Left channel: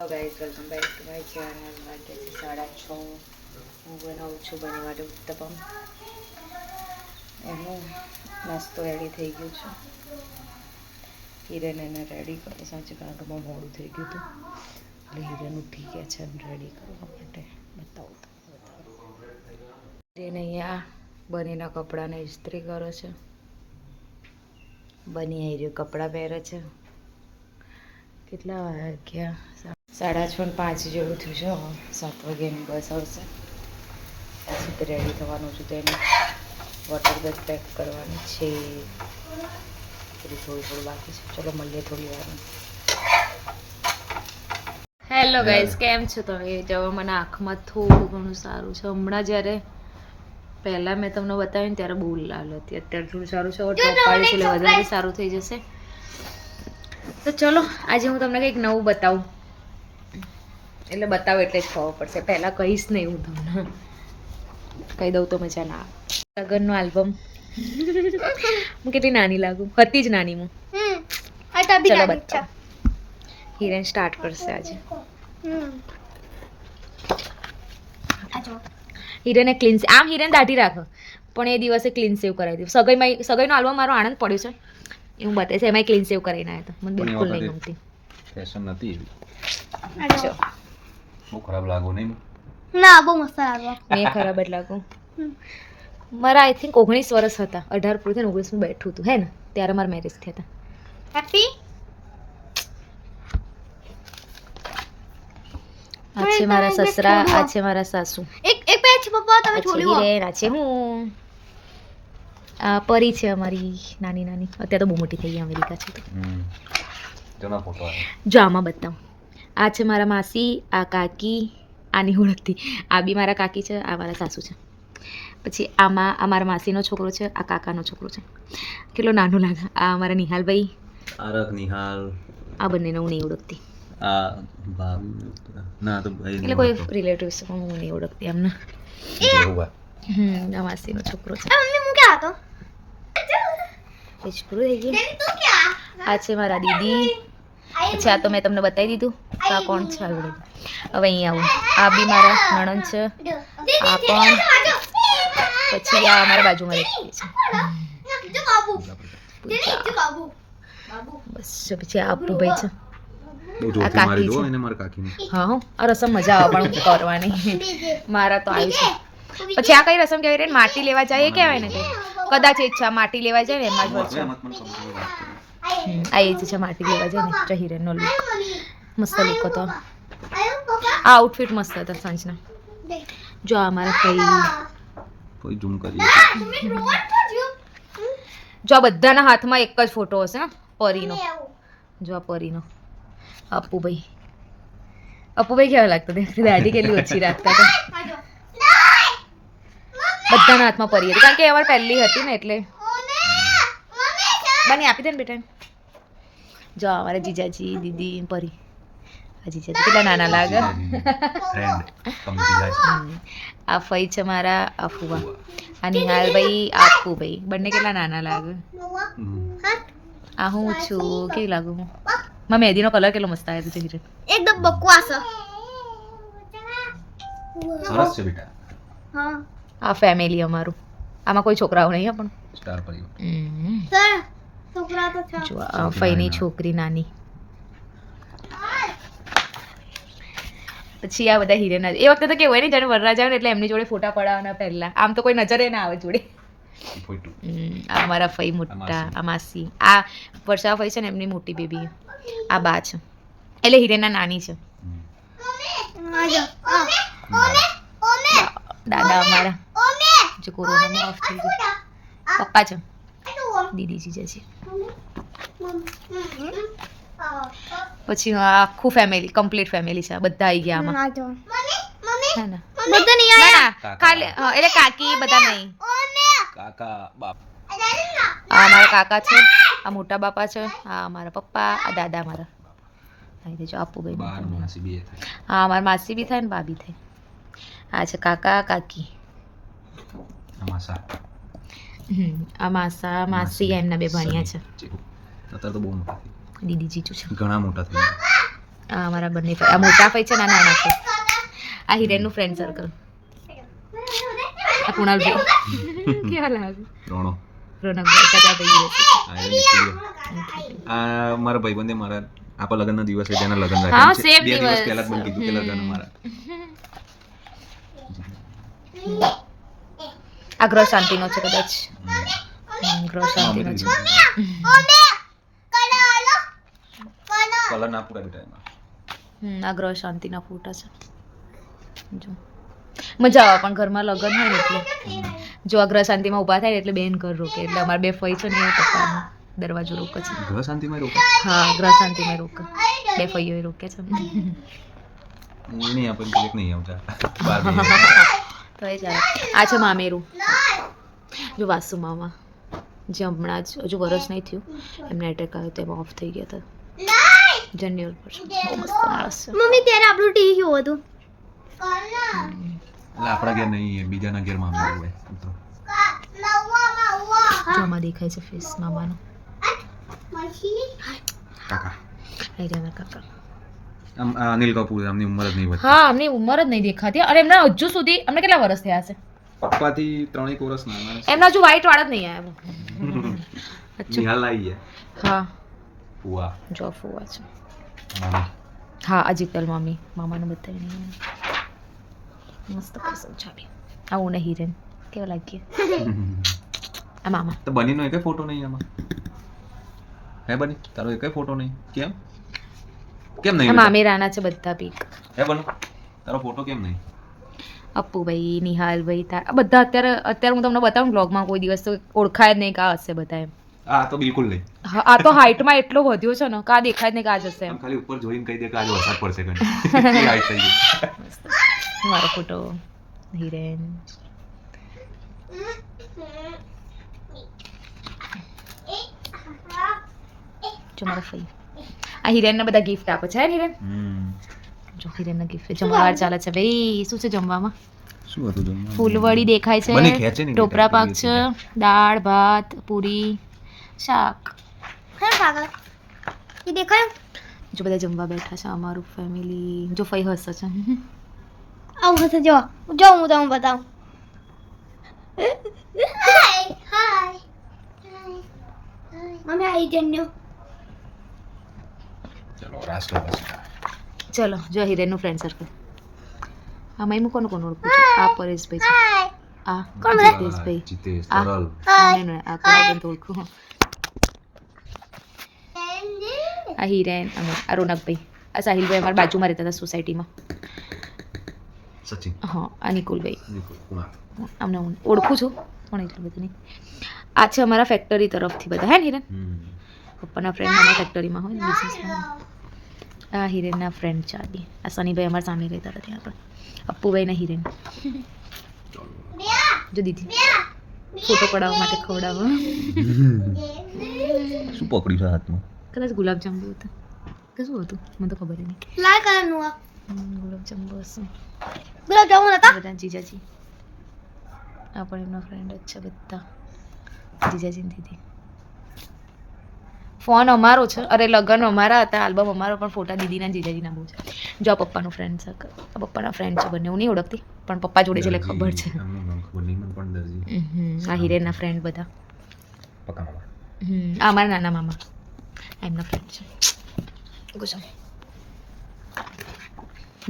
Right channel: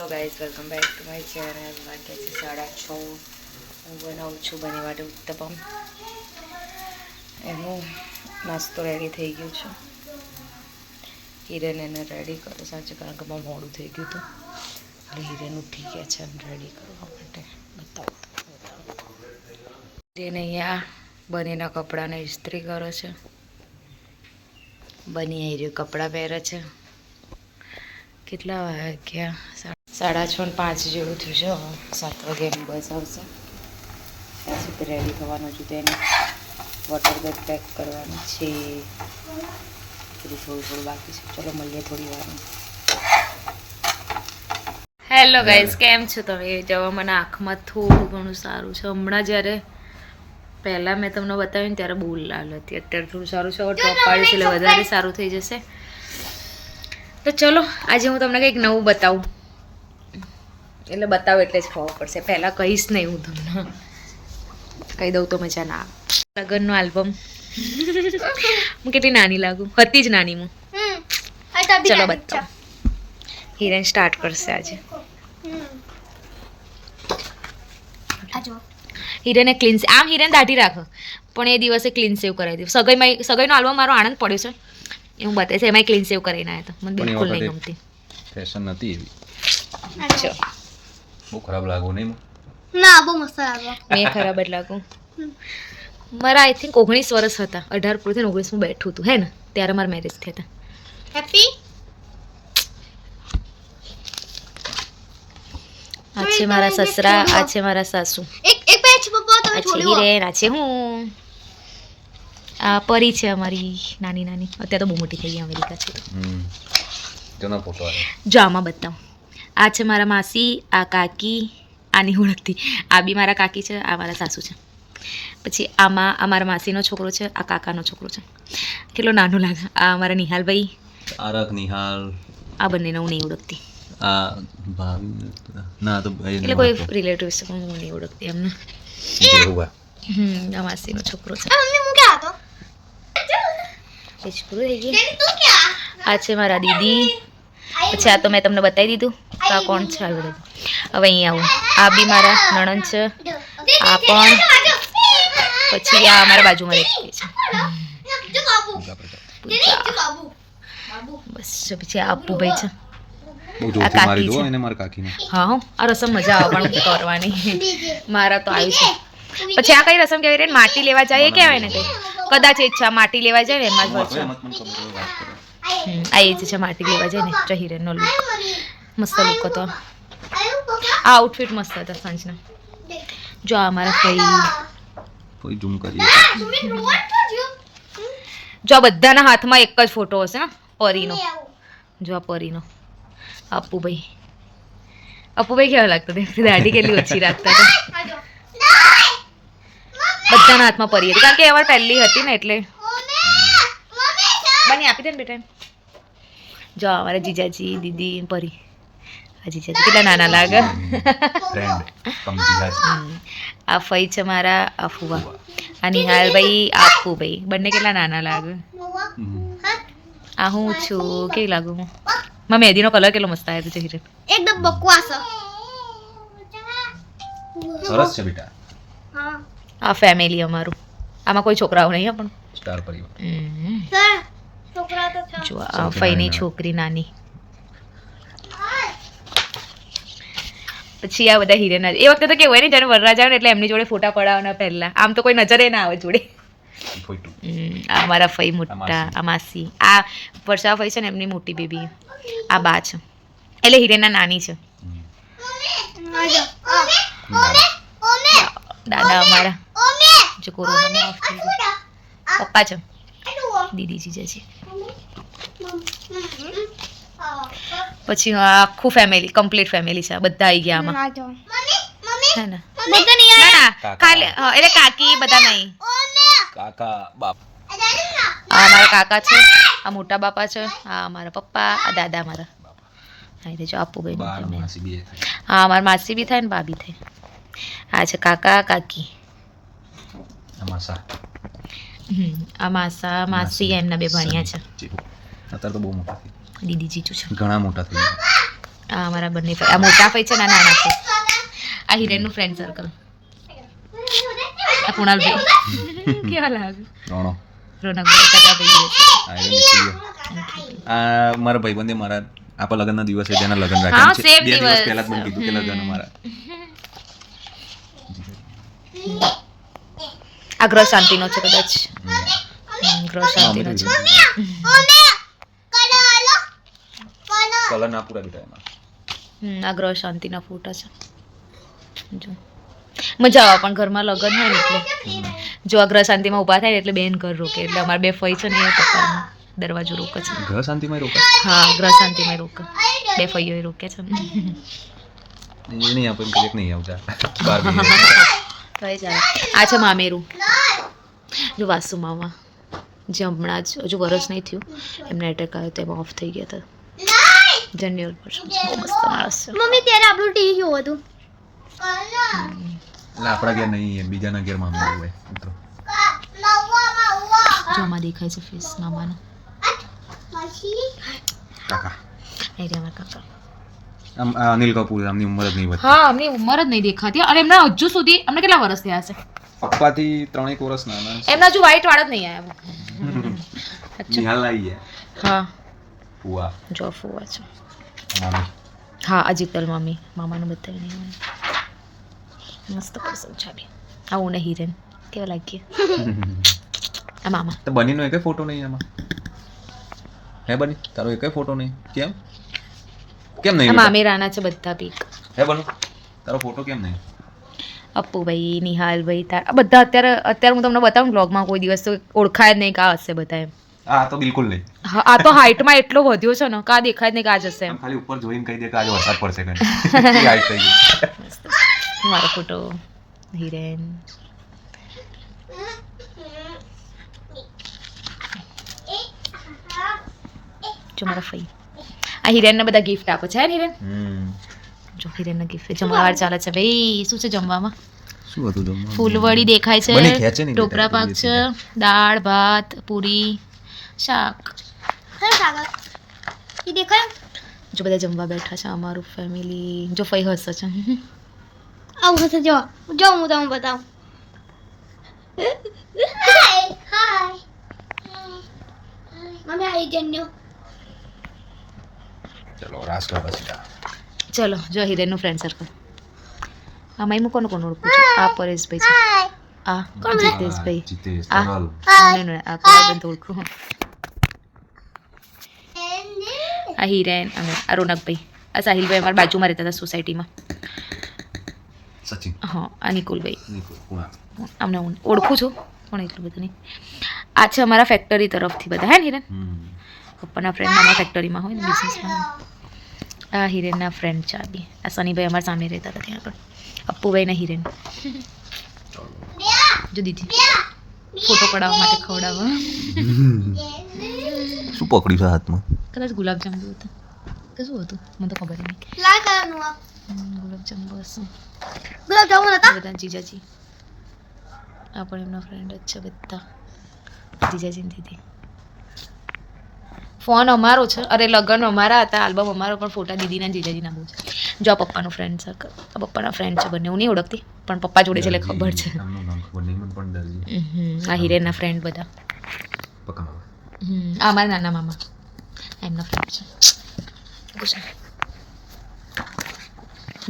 Hello guys, welcome back to my channel. વાગ્યા છે 6:30. હું બનાવું છું બની માટે ઉત્તપમ. એનું નાસ્તો રેડી થઈ ગયો છે. હિરેન એને રેડી કરો સાચું, કારણ કે બહુ મોડું થઈ ગયું હતું એટલે હિરેન ઉઠી ગયા છે રેડી કરવા માટે. બતાવું હિરેન અહીંયા બનીના કપડાને ઇસ્ત્રી કરે છે. બની આવી રહ્યું કપડાં પહેરે છે. કેટલા વાગ્યા? 6:30 જેવું થયું છે. 7 વાગ્યાની બસ આવશે. ત્યાં સુધી રેડી થવાનું છું. તેને વોટર બેગ પેક કરવાની છે. થોડું બાકી છે. ચલો મળીએ થોડી વાર. હેલો ગાઈઝ, કેમ છો તમે? જવા મને આંખમાં થોડું ઘણું સારું છે. હમણાં જ્યારે પહેલાં મેં તમને બતાવ્યું ને ત્યારે બહુ લાલ હતી. અત્યારે થોડું સારું છે. ડ્રોપ પાડ્યું છે એટલે વધારે સારું થઈ જશે. તો ચલો આજે હું તમને કંઈક નવું બતાવું. એટલે બતાવો એટલે જ ખબર પડશે. પહેલાં કહીશ નહીં હું તમને. કહી દઉં તો મજા ના આવે. લગ્નનો આલ્બમ. હું કેટલી નાની લાગુ હતી જ નાની હું. ચલો બતાવો. હિરેન સ્ટાર્ટ કરશે આજે. હિરેને ક્લીન આમ હિરેન દાઢી રાખો પણ એ દિવસે ક્લીન સેવ કરાવી દીધું. સગાઈનો આલ્બમ મારો આનંદ પડ્યો છે એ હું બતાવીશ. એમાંય ક્લીન સેવ કરીને આવ્યા હતા. મને બિલકુલ નહીં ગમતી. ફેશન નથી એવી. અચ્છા, બહુ ખરાબ લાગો નહીં? ના, બહુ મસ્ત લાગો. મેં ખરાબ જ લાગુ. મારા આઈ થિંક 19 વર્ષ હતા. 18 પૂરું થઈને 19 બેઠું હતું હે ને, ત્યારે મારા મેરેજ થયા હતા. હેપી. આ છે મારા સસરા, આ છે મારા સાસુ. એક પેચ પપ્પા તમે આ છે છોડ્યો. હિરેન, આ છે હું. આ પરી છે અમારી નાની નાની. અત્યારે તો બહુ મોટી થઈ ગઈ, અમેરિકા છે તો. જૂનો ફોટો જો આમાં બતાવું. આ છે મારા માસી, આ કાકી. આની ઓળખતી. આ બી મારા કાકી છે, આ મારા સાસુ છે. પછી આમાં અમારા માસીનો છોકરો છે, આ કાકાનો છોકરો છે. કેટલો નાનો લાગે. આ અમારા નિહાલભાઈ. આરક નિહાલ. આ બંનેને હું નહીં ઓળખતી. આ ભાભી ના તો ભાઈ એટલે કોઈ રિલેટિવ્સ છે પણ હું નહીં ઓળખતી એમને. જેહુવા. આ માસીનો છોકરો છે. મમ્મી હું ક્યાં હતો? પેજ પૂરું થઈ ગયું. તેની તું ક્યાં? આ છે મારા દીદી. પછી આ તો મેં તમને બતાવી દીધું. તો આ કોણ છે? આવી બધું. હવે અહીં આવું. આ બી મારા નણંદ છે. આ પણ. પછી આ અમારા બાજુમાં રહેતી છે. જો બાબુ. પૂજા. જો બાબુ. બસ જો પછી આ અપ્પુભાઈ છે. બહુ આ જોરથી કાકી મારી દો છે. એને મારા કાકીને. હા હો, આ રસમ મજા આવે પણ કરવાની. મારા તો આવ્યું છે. પછી આ કઈ રસમ કહેવાય? માટી લેવા જાય એ કહેવાય ને કઈ. કદાચ એ જ છે. માટી લેવા જાય ને એમાં જ હોય છે. આ એ જ છે માટી લેવા જાય ને. ચહિરેનનો લુક મસ્ત લુક હતો. આ આઉટફિટ મસ્ત હતા સાંજના. જો આ અમારા ફઈ. કોઈ ઝૂમ કરી. જો આ બધાના હાથમાં એક જ ફોટો હશે ને પરીનો. જો આ પરીનો. અપ્પુભાઈ. અપ્પુભાઈ કેવા લાગતા હતા? દાઢી કેટલી ઓછી રાખતા હતા. બધાના હાથમાં પરી હતી કારણ કે અમારે પહેલી હતી ને એટલે. બની આપી દે ને બેટા. જો અમારા જીજાજી, દીદી, પરી. આ જીજાજી કેટલા નાના લાગે. ફ્રેન્ડ કમ આ ફઈ છે મારા, આ ફુવા. આ નિહાલભાઈ, આ અપ્પુભાઈ. બંને કેટલા નાના લાગે. આ હું છું. કેવી લાગુ હું? માં મહેંદીનો કલર કેટલો મસ્ત આવ્યો છે હિરેન. એકદમ બકવાસ. સરસ છે બેટા. હા. આ ફેમિલી અમારું. આમાં કોઈ છોકરાઓ નહીં પણ. સ્ટાર પરિવાર. સર છોકરા તો છે. જો આ ફઈની છોકરી નાની. પછી આ બધા હિરેન. એ વખતે તો કેવું હોય ને, જ્યારે વરરાજ આવે ને એટલે એમની જોડે ફોટા પડાવવાના પહેલા. આમ તો કોઈ નજરે ના આવે જોડે. ફોટો. આ મારા ફઈ મોટા, આ માસી. આ વર્ષા ફઈ છે ને એમની મોટી બેબી. આ બા છે એટલે હિરેનના નાની છે. દાદા અમારા જે કોરોનામાં ઓફ થઈ ગયું. પપ્પા છે. દીદી જીજાજી. પછી આખું ફેમિલી, કમ્પ્લીટ ફેમિલી છે. બધા આવી ગયા આમાં. હે ને? ના ના, ખાલી એટલે કાકી બધા નહીં. કાકા બાપ. આ અમારા કાકા છે, આ મોટા બાપા છે, આ અમારા પપ્પા, આ દાદા અમારા. હા જો અપ્પુભાઈ. બાર માસી બી હા અમારા માસી બી થાય ને બા બી થાય. આ છે કાકા કાકી. અમાસા. આ માસા માસી એમના બે ભણ્યા છે. અત્યારે તો બહુ મોટા થઈ. દીદી જીજુ છે. ઘણા મોટા થઈ. આ અમારા બંને ફઈ, આ મોટા ફઈ છે ને આ નાના ફઈ. આ હિરેનનું ફ્રેન્ડ સર્કલ. આ કુણાલભાઈ કેવા લાગે? રોણો રોનકભાઈ કાકા ભાઈ આ મારા ભાઈબંધે મારા આપણા લગ્નના દિવસે તેના લગ્ન હા રાખ્યા છે. સેમ 2 દિવસ દિવસ. પહેલા જ મને કીધું કે લગ્ન મારા. આ ગ્રહ શાંતિનો છે કદાચ. ગ્રહ શાંતિનો છે. કલર ના પૂરા બેટા એમાં. આ ગ્રહ શાંતિના ફોટા છે. જો મજા આવે પણ ઘરમાં લગ્ન હોય ને એટલે જો આ ગ્રહ શાંતિમાં ઊભા થાય ને એટલે બેન ઘર રોકે, એટલે અમારા 2 ફઈ છે ને એ પપ્પાનો દરવાજો રોકે છે. ઘર શાંતિમાં રોકા હા ગ્રહ શાંતિમાં રોકે, 2 ફઈઓ રોકે છે. એ નહીં આપણે ક્લિક નહીં આવતા બાર તો એ ચાલે. આ છે મામેરું. જો વાસુ મામા જે હમણાં જ હજુ વરસ નહીં થયું એમને એટેક આવ્યો તો એમાં ઓફ થઈ ગયા હતા. જનરલ પર્સન બહુ મસ્ત માણસ છે. મમ્મી ત્યારે આપણું ટીવી જોવું હતું. એટલે આપણા ઘેર નહીં બીજાના ઘેરમાં અમે હોય તો જો આમાં દેખાય છે ફેસ મામાનો. કાકા અહીં રહ્યા મારા કાકા. આમ આ અનિલ કપૂર આમની ઉંમર જ નહીં વધતી. હા અમની ઉંમર જ નહીં દેખાતી અને એમના હજુ સુધી અમને કેટલા વર્ષ થયા છે પપ્પાથી 3 વર્ષ નાના છે. એમના હજુ વ્હાઈટ વાળ જ નહીં આવ્યા. નિહાલ આવી છે હા ફુવા જો ફુવા છે. મામી હા અજીતલ મમ્મી મામાનું બતાવી નહીં મસ્ત પસંદ છે. આવું ને હિરેન કેવા લાગીએ આ મામા. તો બનીનો એકે ફોટો નહીં એમાં હે બની તારો એકે ફોટો નહીં કેમ કેમ નહીં આ મામેરાના છે બધા પીક. હે બનો તારો ફોટો કેમ નહીં અપ્પુભાઈ નિહાલભાઈ આ બધા અત્યારે હું તમને બતાવું બ્લોગમાં કોઈ દિવસ તો ઓળખાય જ નહીં કે આ હશે બધા એમ. આ તો બિલકુલ નહીં હા આ તો હાઇટમાં એટલો વધ્યો છે ને કા દેખાય જ નહીં કે આ જ હશે એમ. આમ ખાલી ઉપર જોઈને કહી દે કે આજે વરસાદ પડશે કઈ હાઈટ થઈ ગઈ. મસ્ત મારો ફોટો હિરેન. જો મારા ફઈ આ હિરેનને બધા ગિફ્ટ આપે છે હે હિરેન. જો હિરેનના ગિફ્ટ જમણવાર ચાલે છે ભાઈ. શું છે જમવામાં? શું હતું જમવાનું? ફૂલવડી દેખાય બની ખેંચે છે, નહીં ટોપરા પાક બેટા, છે, દાળ ભાત પૂરી શાક. એ દેખાય જો બધા જમવા બેઠા છે અમારું ફેમિલી. જો ફઈ હસે છે. આવું હશે જો જો હું તમને બતાવું. Hi mummy I જન્યો. ચલો રાસ કર બસ ચલો જો હિરેનનું ફ્રેન્ડ સર્કલ. આમાં હું કોણ ઓળખું છું? આ પરેશભાઈ છે, આ જીતેશભાઈ, જીતેશ આ તરલ નહીં, આ કોઈ તો ઓળખું. આ હિરેન અમે આ રોનકભાઈ, આ સાહિલભાઈ અમારા બાજુમાં રહેતા હતા સોસાયટીમાં. સચિન હા આ નિકુલભાઈ. નિકુલ કુણા અમને હું ઓળખું છું પણ એટલું બધું નહીં. આ છે અમારા ફેક્ટરી તરફથી બધા હે ને હિરેન પપ્પાના ફ્રેન્ડ અમારા ફેક્ટરીમાં હોય ને બિઝનેસમાં. આ હિરેનના ફ્રેન્ડ છે આ બી. આ સનીભાઈ અમારા સામે રહેતા હતા ત્યાં આગળ. અપ્પુભાઈ ને હિરેન. જો દીદી ફોટો પડાવવા માટે ખવડાવવા. શું પકડ્યું છે હાથમાં? કદાચ ગુલાબજાંબુ હતા કે શું હતું મને તો ખબર નહીં. લાલ કલરનું આ ગુલાબજાંબુ હશે. ગુલાબ જામુન હતા. બધા જીજાજી આ પણ એમના ફ્રેન્ડ જ છે બધા. જીજાજી ને દીદી. ફોન અમારો છે, અરે લગ્ન અમારા હતા, આલ્બમ અમારો, પણ ફોટા દીદીના જીજાજીના બહુ છે. જો આ પપ્પાનું ફ્રેન્ડ સર્કલ. આ પપ્પાના ફ્રેન્ડ છે બંને. હું નહીં ઓળખતી પણ પપ્પા જોડે છે એટલે ખબર છે. આ હિરેનના ફ્રેન્ડ બધા. આ અમારા નાના મામા એમના ફ્રેન્ડ છે.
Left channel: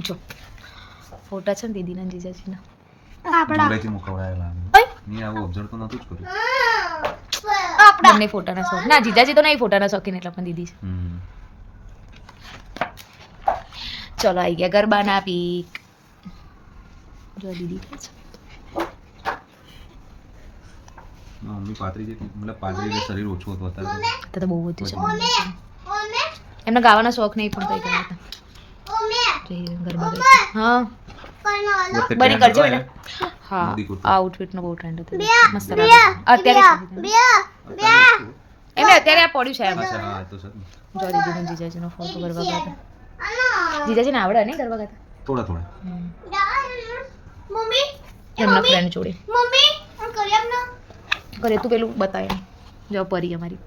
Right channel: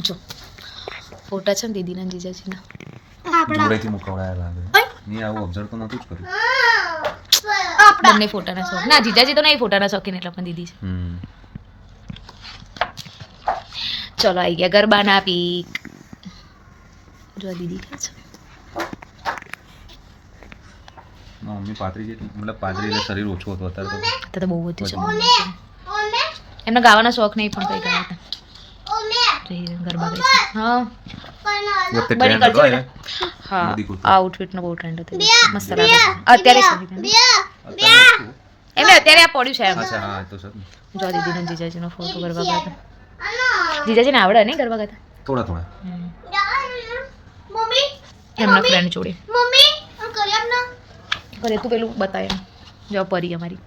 જો ફોટા છે ને દીદીના જીજાજીના. જોડેથી મુકવાયા લાગે. ની આવું ઓબ્ઝર્વ તો નહોતું જ કર્યું. બંને ફોટાના શોખ. ના જીજાજી તો નહીં ફોટાના શોખીન એટલે પણ દીદી છે. ચલો આવી ગયા ગરબાના પીક. જો આ દીદી કે છે મમ્મી પાતરી જેટલી મતલબ પાતરી એટલે શરીર ઓછું હતું અત્યારે તો બહુ વધ્યું છે. એમને ગાવાના શોખ નહીં પણ કઈ ગાવા હતા. જો હિરેન ગરબા ગાય છે. હા બની કરજે બેટા. હા આ આઉટફિટનો બહુ ટ્રેન્ડ હતો. મસ્ત લાગે અત્યારે છે. એમને અત્યારે આ પડ્યું છે એમ. અચ્છા હા તો સર જો દીદીનો જીજાજીનો ફોટો ગરબા ગાતા. જીજાજીને આવડે નહીં ગરબા ગાતા? થોડા થોડા મમ્મી એમના ફ્રેન્ડ જોડે. મમ્મી આમ કરી આપના. કરે તું પેલું બતાય એમ. જો પરી અમારી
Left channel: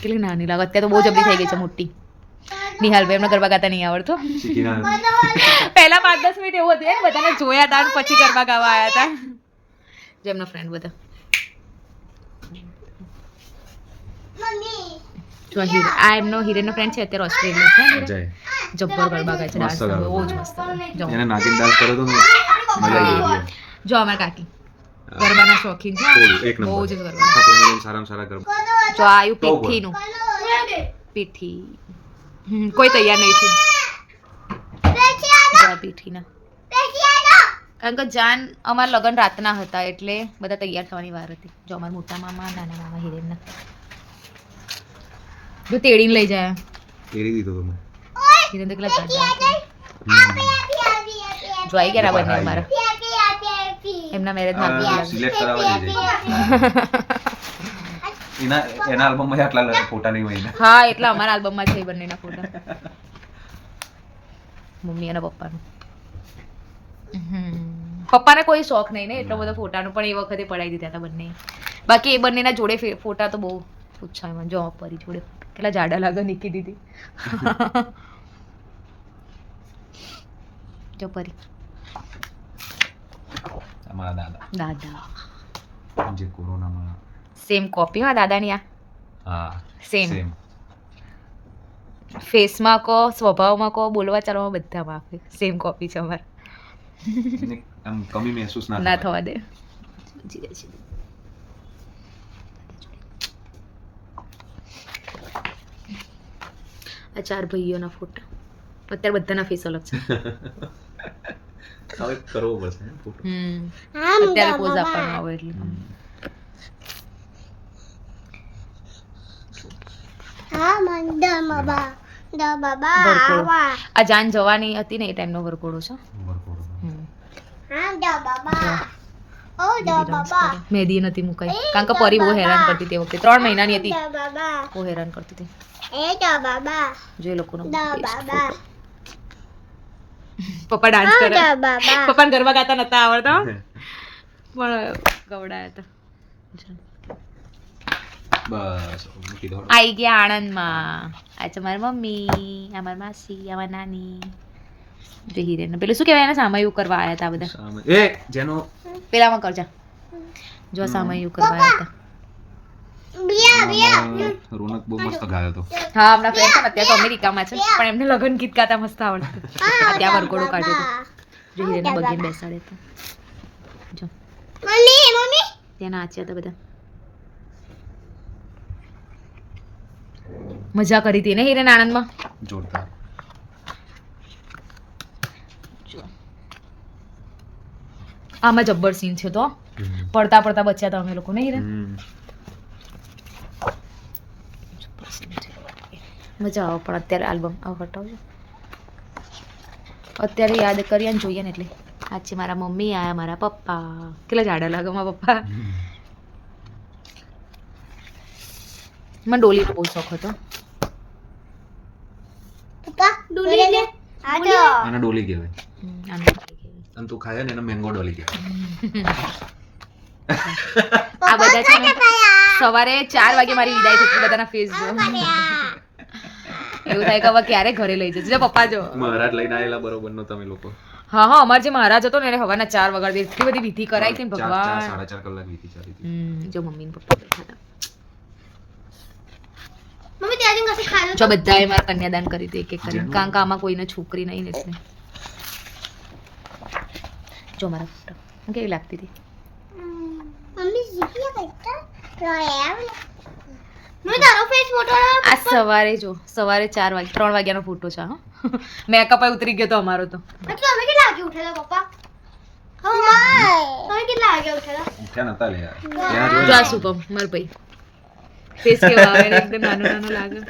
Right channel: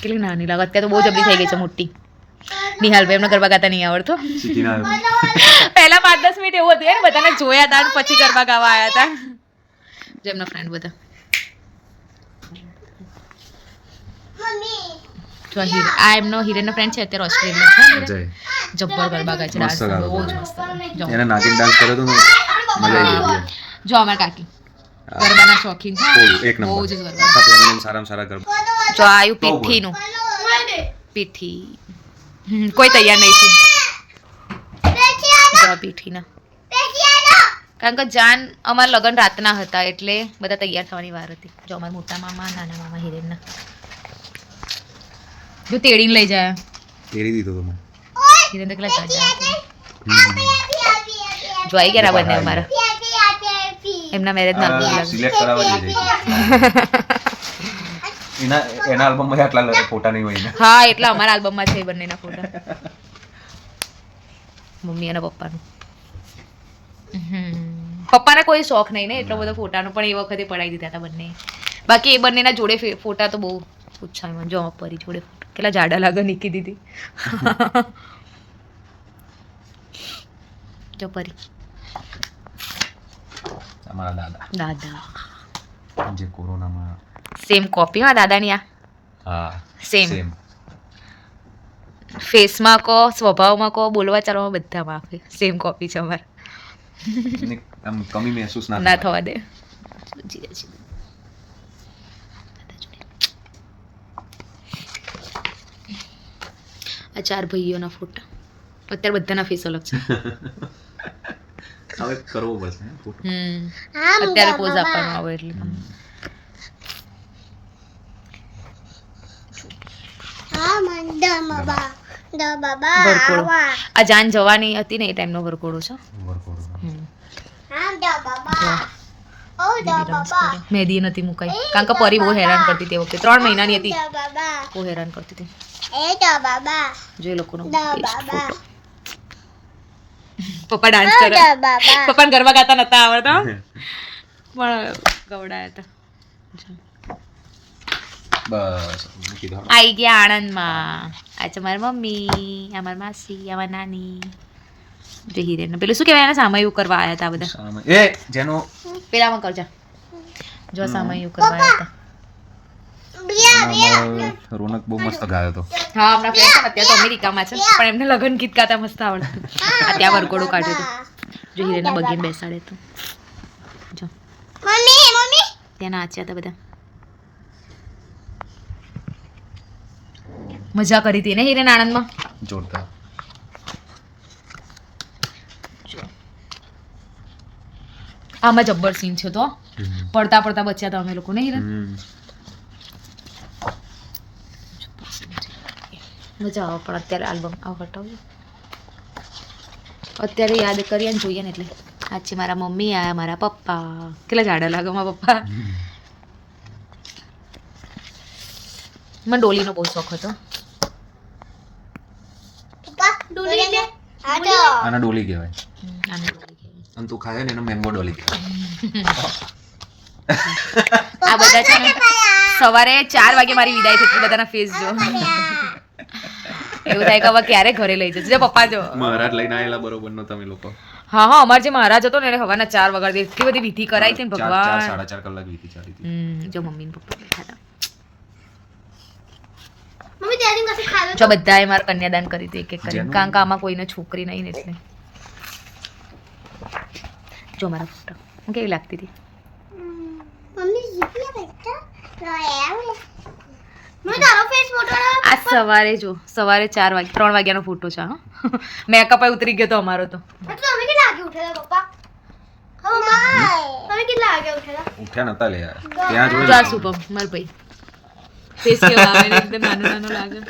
કેટલી નાની લાગે. અત્યારે તો બહુ જબરી થઈ ગઈ છે મોટી. નિહાલભાઈ એમને ગરબા ગાતા નહીં આવડતો. શીખીને આવ્યો. પહેલા 5-10 મિનિટ એવું હતું ને બધાને જોયા હતા અને પછી ગરબા ગાવા આવ્યા હતા. જો એમના ફ્રેન્ડ બધા જો આ એમનો હિરેનનો ફ્રેન્ડ છે અત્યારે ઓસ્ટ્રેલિયા છે. હિરેન જય. જબ્બર ગરબા ગાય છે, ડાન્સ બહુ જ મસ્ત કરે. જો એને નાચીને ડાન્સ કર્યો તો ને મજા આવી ગઈ. જો અમારા કાકી ગરબાના શોખીન છે, એક બહુ નંબર. જ ગરબા. આખા ફેમિલીને સારામાં સારા ગરબા. જો આયુ પીઠીનું પીઠી કોઈ તૈયાર નહીં છે. જો પીઠીના કારણ કે જાન અમારા લગ્ન રાતના હતા એટલે બધા તૈયાર થવાની વાર હતી. જો અમારા મોટા મામા નાના મામા હિરેનના જો તેડીને લઈ જાય. તેરી દીધો તો મેં. હિરેન તો કેટલા જાજા હતા. જો આવી ગયા બંને અમારા એમના મેરેજના આલ્બમ સિલેક્ટ કરાવવા દીધી. એના આલ્બમમાં આટલા ફોટા નહીં હોય ને. હા એટલા અમારા આલ્બમમાં છે એ બંનેના ફોટા મમ્મી અને પપ્પાનું. પપ્પાને કોઈ શોખ નહીં ને એટલો બધો ફોટાનો પણ એ વખતે પડાવી દીધા હતા બંને. બાકી એ બંનેના જોડે ફોટા તો બહુ પૂછાય. જો પરી જોડે કેટલા જાડા લાગે નીકી દીધી. જો પરી અમારા દાદા જે કોરોનામાં સેમ કોપી માં દાદાની આ હા સેમ ફેસમાં કહો સ્વભાવમાં કહો બોલવા ચાલવામાં બધામાં આપે સેમ કોપી છે અમારે. આમ કમી મહેસૂસ ના થવા દે. આ 4 ભાઈઓના ફોટા અત્યારે બધાના ફેસ અલગ છે. હવે કરવો પડશે ફોટો. અત્યારે પોઝ આપવાનો આવે એટલે વરઘોડો આ જાન જવાની હતી ને એ ટાઈમનો વરઘોડો છે. મહેંદી નથી મુકાઈ કારણ કે પરી બહુ હેરાન કરતી તે વખતે 3 મહિનાની હતી બહુ હેરાન કરતી હતી. જો એ લોકોનો પપ્પા ડાન્સ કરે. પપ્પાને ગરબા ગાતા નતા આવડતા પણ ગવડાયા હતા. બસ મૂકી દો. આઈ ગયા આણંદમાં. આ છે મારી મમ્મી, આ મારી માસી, આ મારી નાની. જો હિરેન પેલું શું કહેવાય એને સામયું કરવા આવ્યા હતા બધા. એ જેનો પેલામાં કરજા જો સામયું કરવા આવ્યા હતા. રોનક બહુ મસ્ત ગાયો હતો. હા આપણા ફ્રેન્ડ છે અત્યારે તો અમેરિકામાં છે પણ એમને લગ્ન ગીત ગાતા મસ્ત આવડતું. આ ત્યાં વરઘોડો કાઢ્યો હતો. જો હિરેનને બગીને બેસાડે તો જો ત્યાં નાચ્યા હતા બધા. મજા કરી હતી ને હિરેન આણંદમાં. જોરદાર. આમાં જબ્બર સીન છે તો પડતા પડતા બચ્યા હતા અમે લોકો ને હિરેન. મજા આવે પણ અત્યારે આલ્બમ આવ હટાવ્યું અત્યારે યાદ કરીએ ને જોઈએ ને એટલે આ છે મારા મમ્મી, આ મારા પપ્પા. કેટલા જાડા લાગે મારા પપ્પા. મને ડોલીનો બહુ શોખ હતો. આના ડોલી કહેવાય. આને ડોલી કહેવાય. અને તું ખાય ને એને મેંગો ડોલી કહેવાય. આ બધા છે ને સવારે 4 વાગે મારી વિદાય થઈ બધાના ફેસ જો એવું થાય કે હવે ક્યારે ઘરે લઈ જશે પપ્પા. જો મહારાજ લઈને આવેલા બરોબર નો તમે લોકો. હા હા અમારે જે મહારાજ હતો ને એને સવારના 4 વાગે એટલી બધી વિધિ કરાઈ હતી ને ભગવાન. 4.5 કલાક વીતી ચાલી હતી. જો મમ્મી ને પપ્પા બેઠા હતા. જો બધાએ મારા કન્યાદાન કરી હતી એક એક કરીને કારણ કે આમાં કોઈને છોકરી નહીં ને એટલે. જો મારા ફોટો હું કેવી લાગતી હતી. આ સવારે જો સવારે 3 વાગ્યાનો ફોટો છે. હા મેકઅપ ઉતરી ગયો તો અમારો તો. ઉઠ્યા નતા લે યાર. ત્યાં જો જોયું આ શુભમ માર ભાઈ ફેસ કેવો આવે ને એકદમ નાનો નાનો લાગે.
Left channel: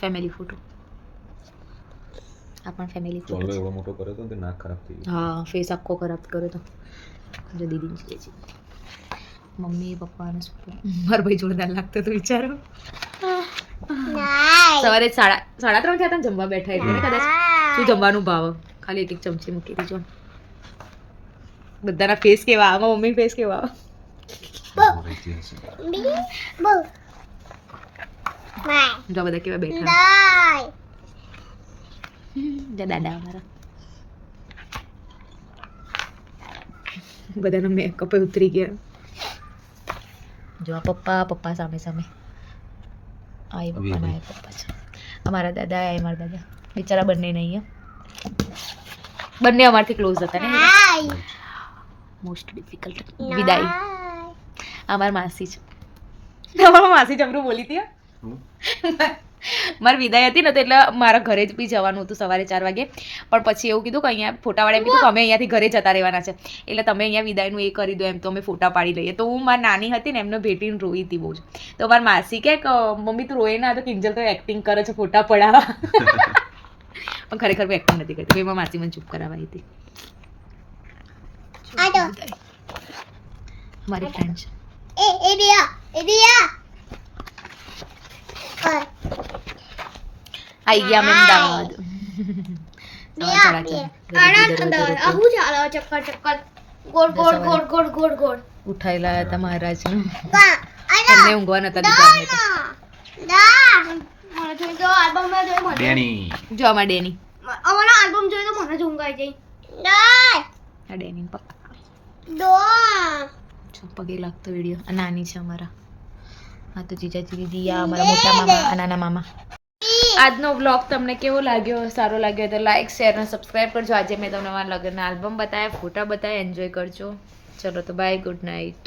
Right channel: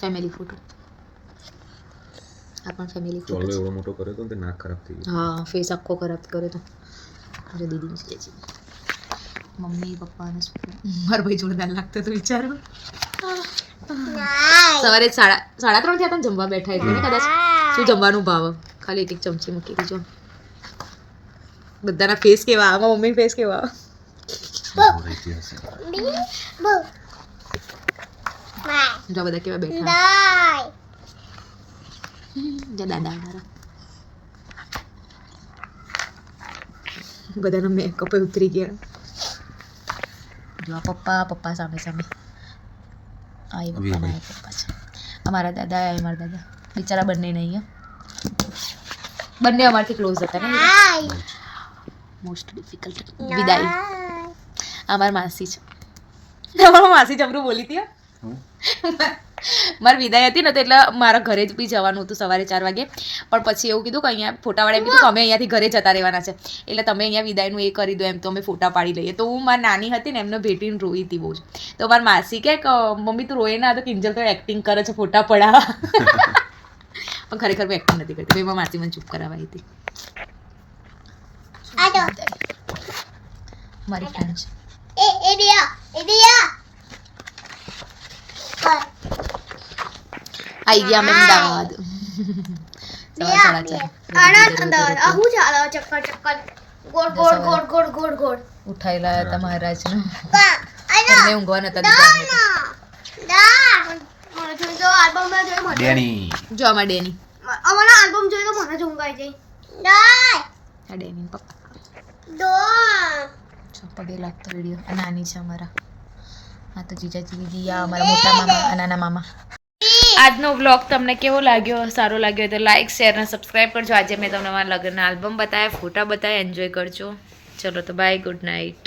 ફેમિલી ફોટો આ પણ ફેમિલી ફોટો ચોલો એવડો મોટો કર્યો તો ને તે નાક ખરાબ થઈ ગયું. હા ફેસ આખો ખરાબ કર્યો તો. જો દીદી છે મમ્મી પપ્પા અને મારા ભાઈ જોરદાર લાગતો તો વિચારો. સવારે 3:30 થયા હતા ને જમવા બેઠા એટલે કદાચ શું જમવાનું ભાવ ખાલી એક ચમચી મૂકી દીજો. બધાના ફેસ કેવા આવે, મમ્મી ફેસ કેવા આવે. રહેતી હશે. જો બધા કેવા બેઠા. જો દાદા અમારા બધાના મેકઅપ ઉતરી ગયા. જો આ પપ્પા સામે સામે. આ એ પપ્પા ના પપ્પા છે. અમારા દાદા આ અમારા દાદા બિચારા બંને નહીં. બંને અમારથી ક્લોઝ હતા ને. મોસ્ટ ડિફિકલ્ટ વિદાય. અમારી માસી છે. અમારી માસી જબરું બોલી હતી. મારી વિદાય હતી ને તો એટલે મારા ઘરે જ બી જવાનું હતું સવારે 4 વાગે. પણ પછી એવું કીધું કે અહીંયા ફોટાવાળા એમ કીધું કે અમે અહીંયાથી ઘરે જતા રહેવાના છે, એટલે તમે અહીંયા વિદાયનું એ કરી દો એમ, તો અમે ફોટા પાડી લઈએ. તો હું મારી નાની હતી ને એમને ભેટીને રોઈ હતી બહુ જ. તો મારી માસી કે મમ્મી તું રોએ ના, તો કિંજલ તો એક્ટિંગ કરે છે ફોટા પડાવવા. પણ ખરેખર મેં એક્ટિંગ નથી કરતી. એમાં માસી મને ચૂપ કરાવાઈ હતી. મારી ફ્રેન્ડ છે. આઈ ગયા અમે અમદાવાદ. સવાર 4:30. ઉઠાઈ લાયા હતા મહારાજને. એમને ઊંઘવા નતા દીધા અમને તો. ડેની. જો અમારા ડેની. અમારા આલ્બમ જોઈ તો મને જ ઊંઘ આવી જાય. આ ડેની પપ્પા. દો પગે લાગતો વિડીયો. આ નાની છે અમારા. આ તો જીજાજી દીદી, આ અમારા મોટા મામા, આ નાના મામા. આજનો વ્લોગ તમને કેવો લાગ્યો? સારો લાગ્યો તો લાઈક, શેર અને સબસ્ક્રાઈબ કરજો. આજે મેં તમને મારા લગ્નના આલ્બમ બતાવ્યા, ફોટા બતાવ્યા. એન્જોય કરજો. ચલો તો બાય, ગુડ નાઇટ.